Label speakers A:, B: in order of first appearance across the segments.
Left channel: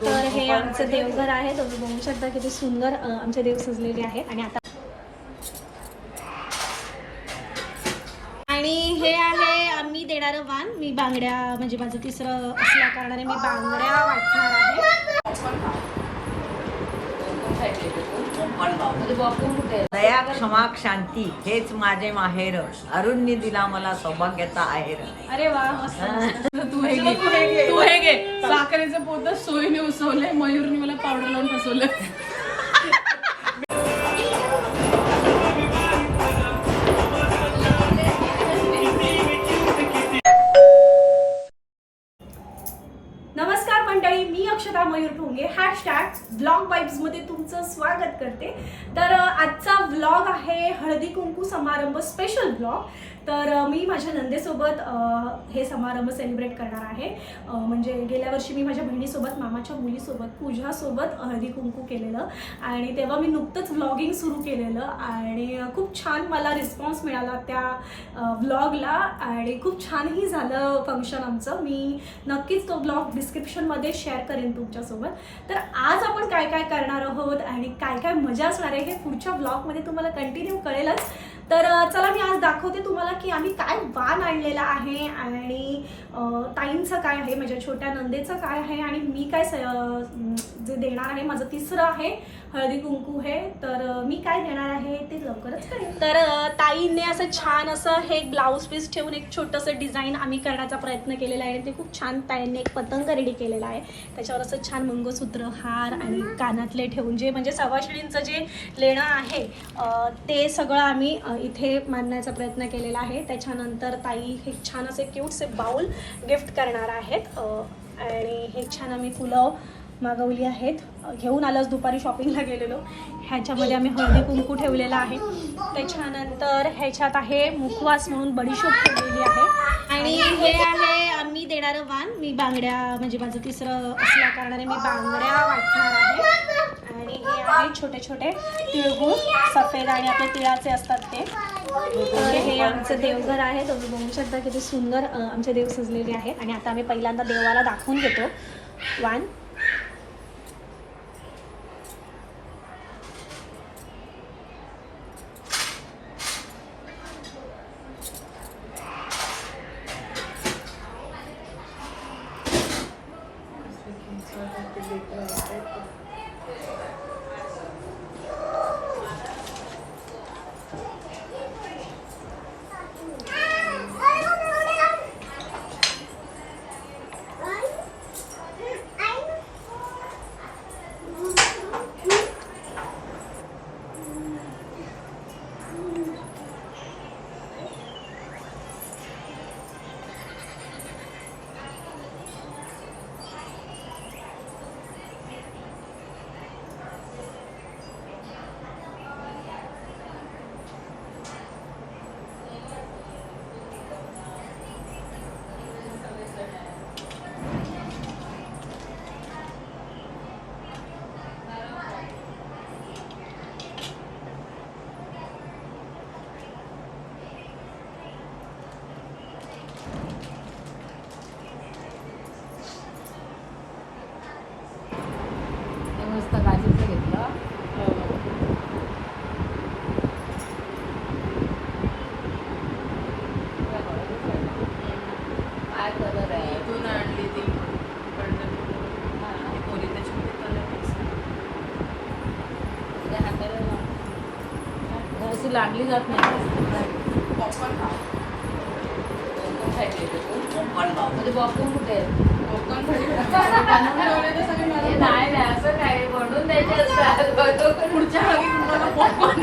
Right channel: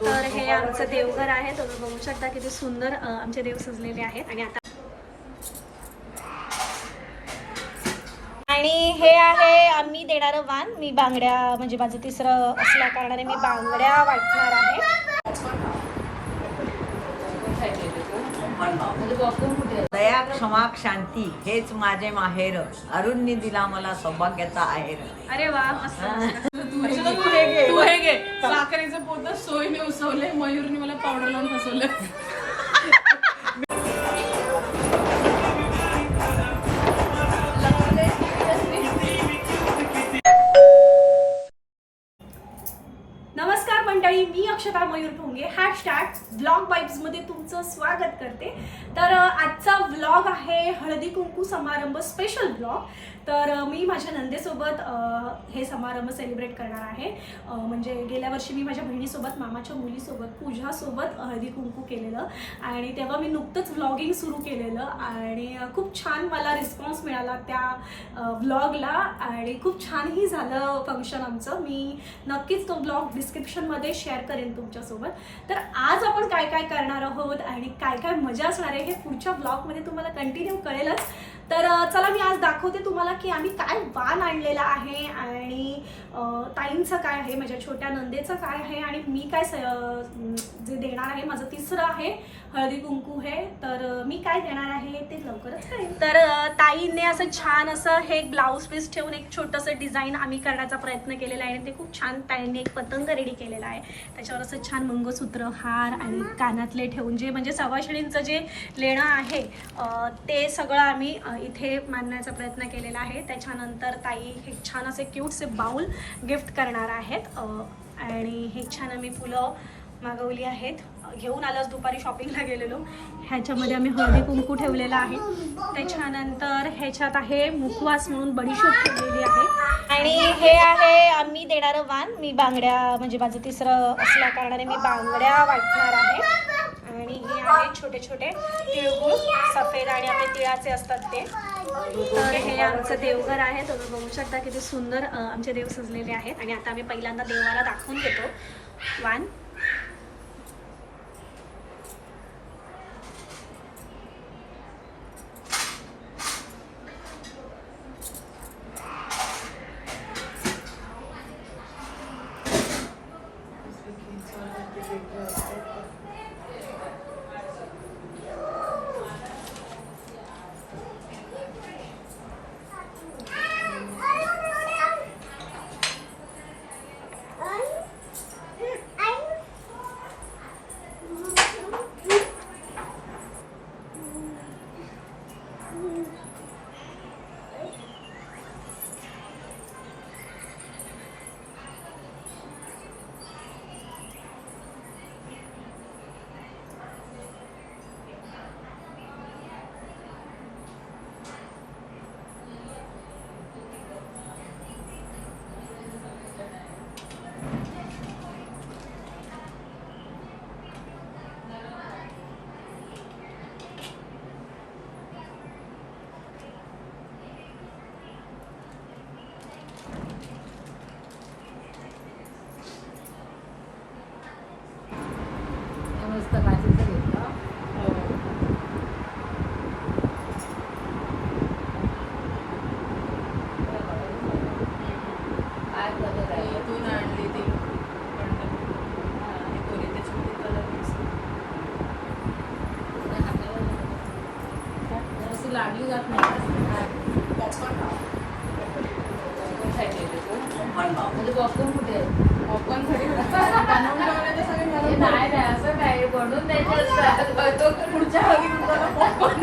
A: तर हे आमचं देवघर आहे. तुम्ही बघू शकता किती सुंदर आमचे देव सजलेले आहेत. आणि आता आणि हे आहे आम्ही देणारं वाण. मी बांगड्या म्हणजे माझं तिसरं असल्या कारणाने मी बांगड्या वाटणार आहे.
B: दया क्षमा शांती हेच माझे माहेर. अरुणनी दिला मला सौभाग्याचा आहेर.
A: अरे वा
C: तू हे घे. तू हे घे. साखरेचं पोत सोयीने उसवलंय मयूरने मला पावडर लावून फसवलं.
A: नमस्कार. मंडळी मी अक्षता मयूर ठोंगे हॅशटॅग ब्लॉगमध्ये तुमचं स्वागत करते. तर आजचा व्लॉग आहे हळदी कुंकू समारंभ स्पेशल ब्लॉग तर मी माझ्या नंदेसोबत हे समारंभ सेलिब्रेट करणार आहे. म्हणजे गेल्या वर्षी मी माझ्या बहिणीसोबत मामाच्या मुलीसोबत पूजासोबत हळदी कुंकू केलेलं. आणि तेव्हा मी नुकतंच व्लॉगिंग सुरू केलेलं. आणि खूप छान मला रिस्पॉन्स मिळाला त्या व्लॉगला आणि खूप छानही झालं फंक्शन आमचं. मी नक्कीच तो ब्लॉग डिस्क्रिप्शनमध्ये शेअर करेन तुमच्यासोबत. तर आज आपण काय काय करणार आहोत आणि काय काय मजा असणार आहे हे पुढच्या ब्लॉगमध्ये तुम्हाला कंटिन्यू कळेलच. तर चला मी आज दाखवते तुम्हाला की आम्ही काय वाण आणलेला आहे आणि ताईंचं काय आहे माझ्या छोट्या नंदेचं काय आहे आणि मी काय स- जे देणार आहे माझं तिसरं आहे हळदी कुंकू हे. तर मी काय देणार आहे ते लवकरच कळेल. तर ताईने असं छान असं हे ब्लाऊज पीस ठेवून एक छोटंसं डिझाईन आम्ही करण्याचा प्रयत्न केलेला आहे. ते खूप छान ताईंनी एक पतंग रेडी केलेला आहे. त्याच्यावर असं छान मंगळसूत्र हार आणि कानातले ठेवून जे म्हणजे सवाशिणींचं जे लेणं आहे ते सगळं आम्ही इथे मांडण्याचा प्रयत्न केलेला आहे. त्याच्यानंतर ताई हे छान असे क्यूटसे बाऊल गिफ्ट करणार आहेत. आणि हे छान आम्ही फुलं मागवली आहेत. घेऊन आलंच दुपारी शॉपिंगला गेलेलो. ह्याच्यामध्ये आम्ही हळदी कुंकू ठेवलेला आहे. त्याच्यानंतर ह्याच्यात आहे मुखवास म्हणून बडीशोप ठेवलेली आहे. आणि हे आहे आम्ही देणारं वान मी बांगड्या म्हणजे माझं तिसरं असल्या कारणाने मी बांगड्या वाटणार आहे. आणि हे आहे छोटे छोटे तिळगुळ. सफेद आणि आपले तिळाचे असतात ते. तर हे आमचं देवघर आहे. तुम्ही बघू शकता किती सुंदर अ, आमचे देव सजलेले आहेत. आणि आता आम्ही पहिल्यांदा देवाला दाखवून घेतो. वाण
B: मस्त काशीचं घेतलं काय कलर आहे
C: इथून आणली ती इकडनं. आणि पोरी त्याच्यामध्ये कलर मिक्स
B: हा कलर लांडली जात नाही.
C: पॉपकॉर्न.
B: म्हणजे कुठे आहे?
C: पॉपकॉर्न
B: नाही नाही असं काय? बनवून द्यायचे असतात.
C: पुढच्या हळदी कुंकवाला पॉपकॉर्न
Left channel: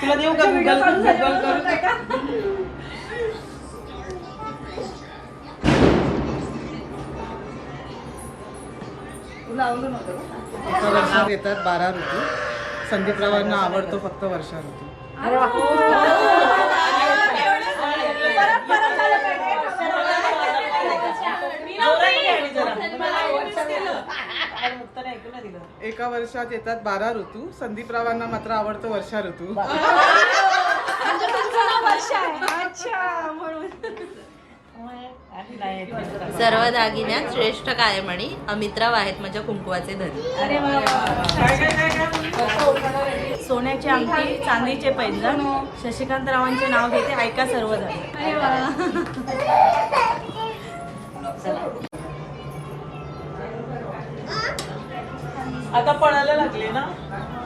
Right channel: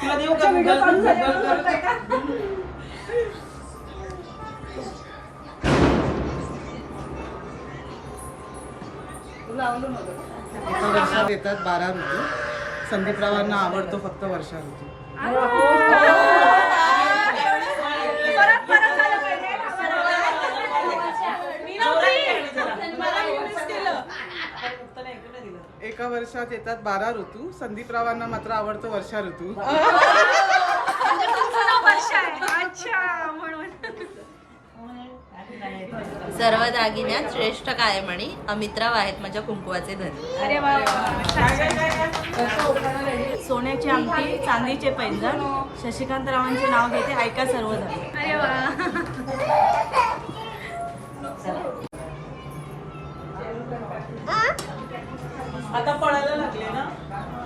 B: तुला
C: देऊ का गुगल कर?
D: एका वर्षात येतात बारा ऋतू. संदीपरावांना आवडतो फक्त वर्षा ऋतू एका वर्षात येतात बारा ऋतू. संदीपरावांना मात्र आवडतो वर्षा ऋतू.
A: म्हणजे तुमचं नाव वर्ष आहे. अच्छा म्हणून.
E: सर्व दागिन्यात श्रेष्ठ कायमणी अमित्राव आहेत माझ्या कुंकुवाचे धनी.
F: सोन्याची अंगठी चांदीचे पैंजण. शशिकांत रावांचे नाव घेते ऐका सर्वजण.
C: आता पळायला लागले ना?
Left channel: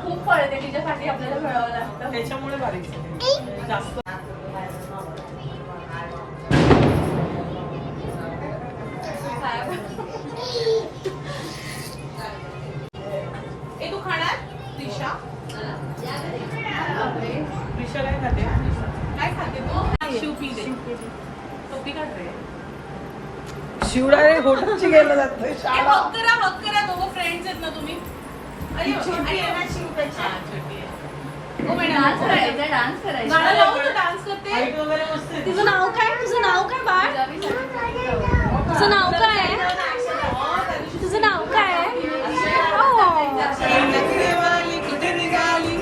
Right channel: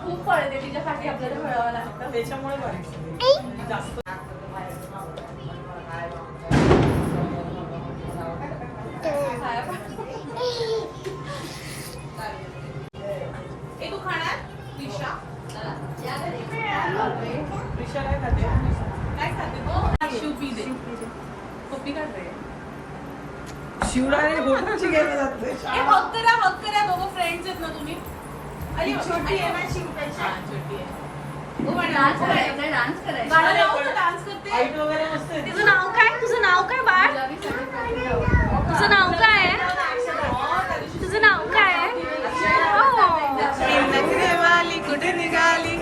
A: खूप पळते तिच्यासाठी आपल्याला मिळावं लागतं.
C: त्याच्यामुळे बारीक. जास्त. शिवडा रे होटलची गेला जात नाही
A: हक करा हक करा. दोघं फ्रेंड्स आहेत ना तुम्ही. अरे छोटी डान्स करायचा. डान्स करायचा. डान्स करते.
C: हाईट वगैरे मस्त आहे.
A: तुझं नाव काय? तुझं नाव काय बाळ? तुझं नाव काय आहे? तुझं नाव काय आहे? Oh.
D: नखरेवाली कुठे निघाली?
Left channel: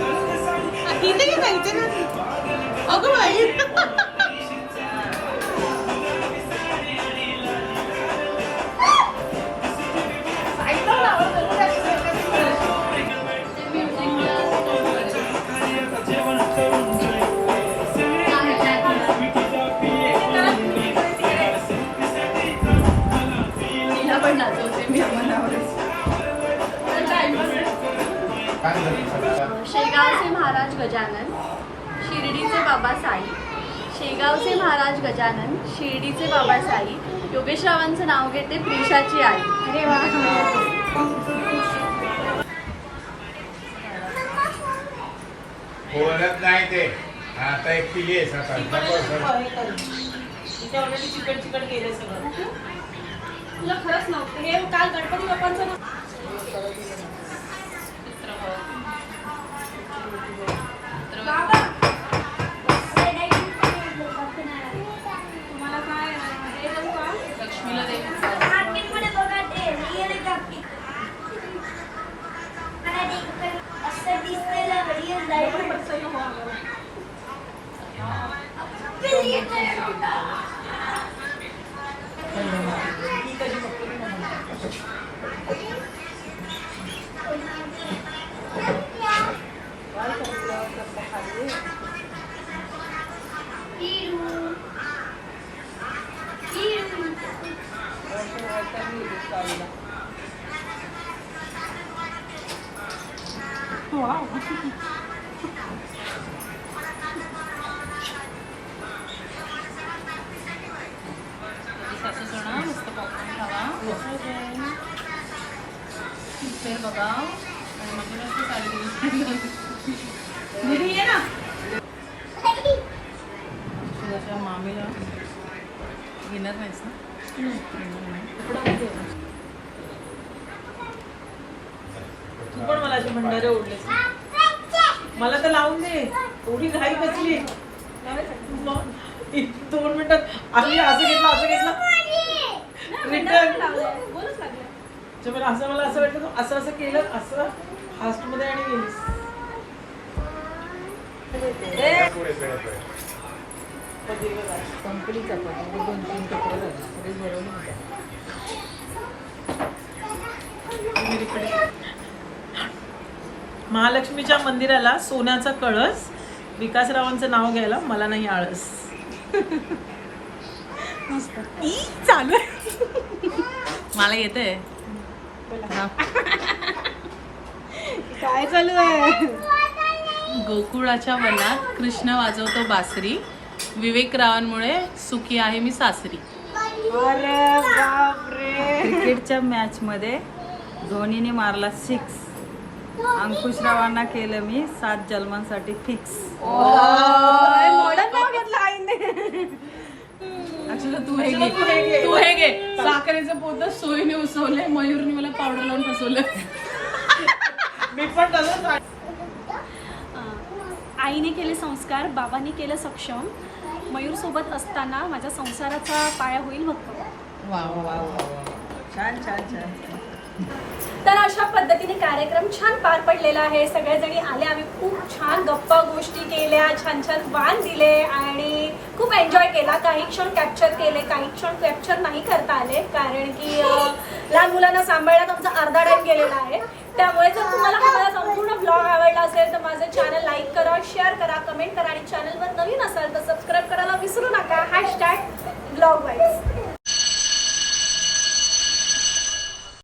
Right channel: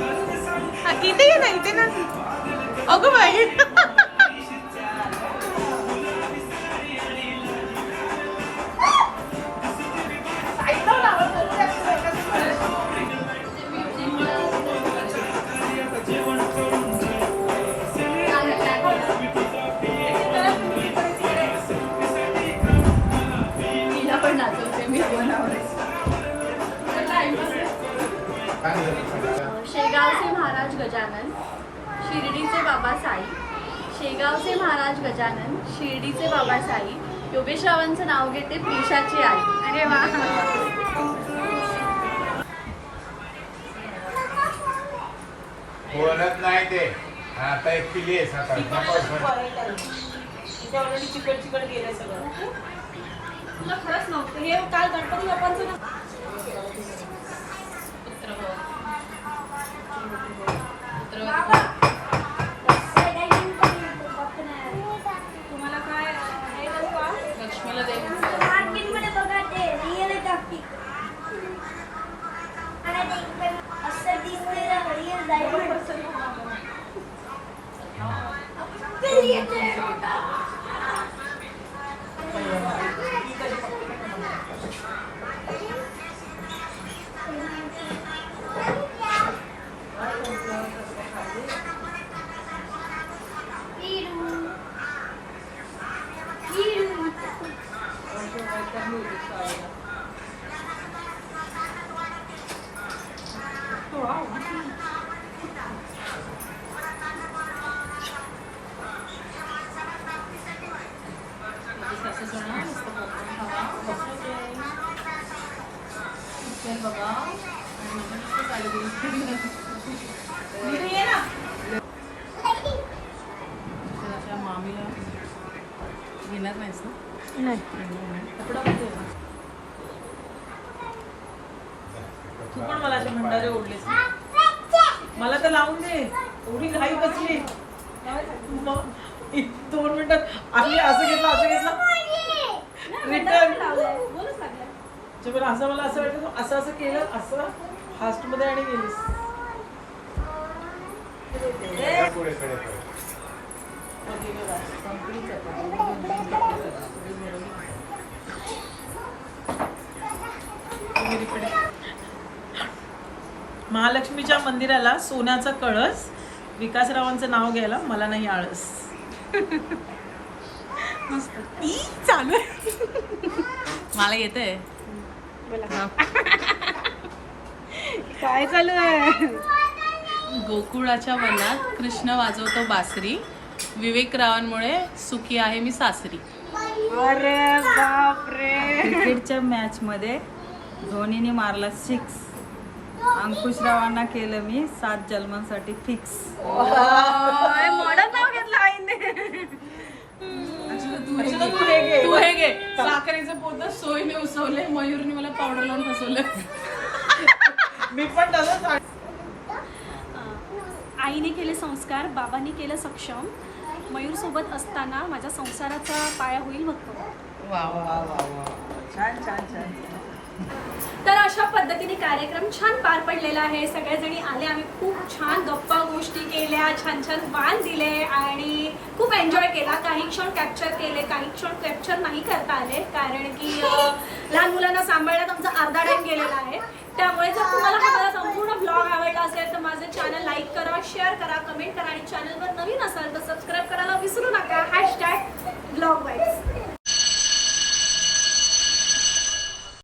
A: इथे ये ना इथे ना. अगं बाई.
G: गजानन शिर्डीचे बाबा साई शेगावचे महाराज गजानन शिर्डीचे बाबा साई योगेशरावांचं नाव घेते प्रिशाची आई.
A: अरे वा.
H: बोलत नाही ते. आता सर.
C: इथे ऑलरेडी चिकट चिकट गेले सगळं.
A: तुला खरंच नव्हतं. हे काल गणपती बाप्पांचं
C: Uau! पिक्चर बघा म्हणजे मामीला घेणार नाहीस ना. तू पण मला असे भंडारे ओढलेस. मला तर लावून दे एवढी घाई एक दोन मिनिटात आम्ही असं घेतलं असं घेतलं रिटर्न
A: बोलच लागलं
C: त्याच्यामुळे असं मला असं वाटलं तू असं असं केलं असं फास्टमध्ये आणि गेलीस. महालक्ष्मीच्या मंदिराला सोन्याचा कळस विकासरावांचं नाव घ्यायला मला नाही आळस ई, चालू.
E: मला येते
F: काय चालू आहे?
I: गोकुळाच्या वनात कृष्ण वाजवतो बासरी. विवेक रावांमुळे सुखी आहे मी सासरी.
F: अरे बापरे. क्रिकेटच्या मॅच मध्ये धोनीने मारला सिक्स अंकुशरावांना केलं मी सात जन्मांसाठी फिक्स
A: मॉडर्न नाव घेतलं आईने.
I: तू हे घे. तू हे घे. साखरेचं पोत सोयीने उसवले मयूरने मला पावडर लावून फसवलं.
C: मी पण तसंच
A: आईने केले संस्कार बाबांनी केलं सक्षम. मयूर सोबत असताना माझ्या संसाराचा पाया होईल भक्कम
F: छान छान छान.
A: तर अशा पद्धतीने कार्यक्रम छान पार पडलेला आहे. सगळेजणी आले आम्ही खूप छान गप्पा गोष्टी केल्या छान छान वाण दिले आणि एन्जॉय केला. काही क्षण कॅप्चर केले काही क्षण कॅप्चर नाही करता आले. कारण की लहान मुलांना सांभाळण्यात आमचा अर्धा टाईम गेलेला आहे. त्यामुळे जर तुम्हाला हा माझा संपूर्ण ब्लॉग आवडला असेल तर माझं चॅनल लाईक करा शेअर करा कमेंट करा. आणि चॅनलवर नवीन असाल तर सबस्क्राईब करायला विसरू नका. Hashtag blog wise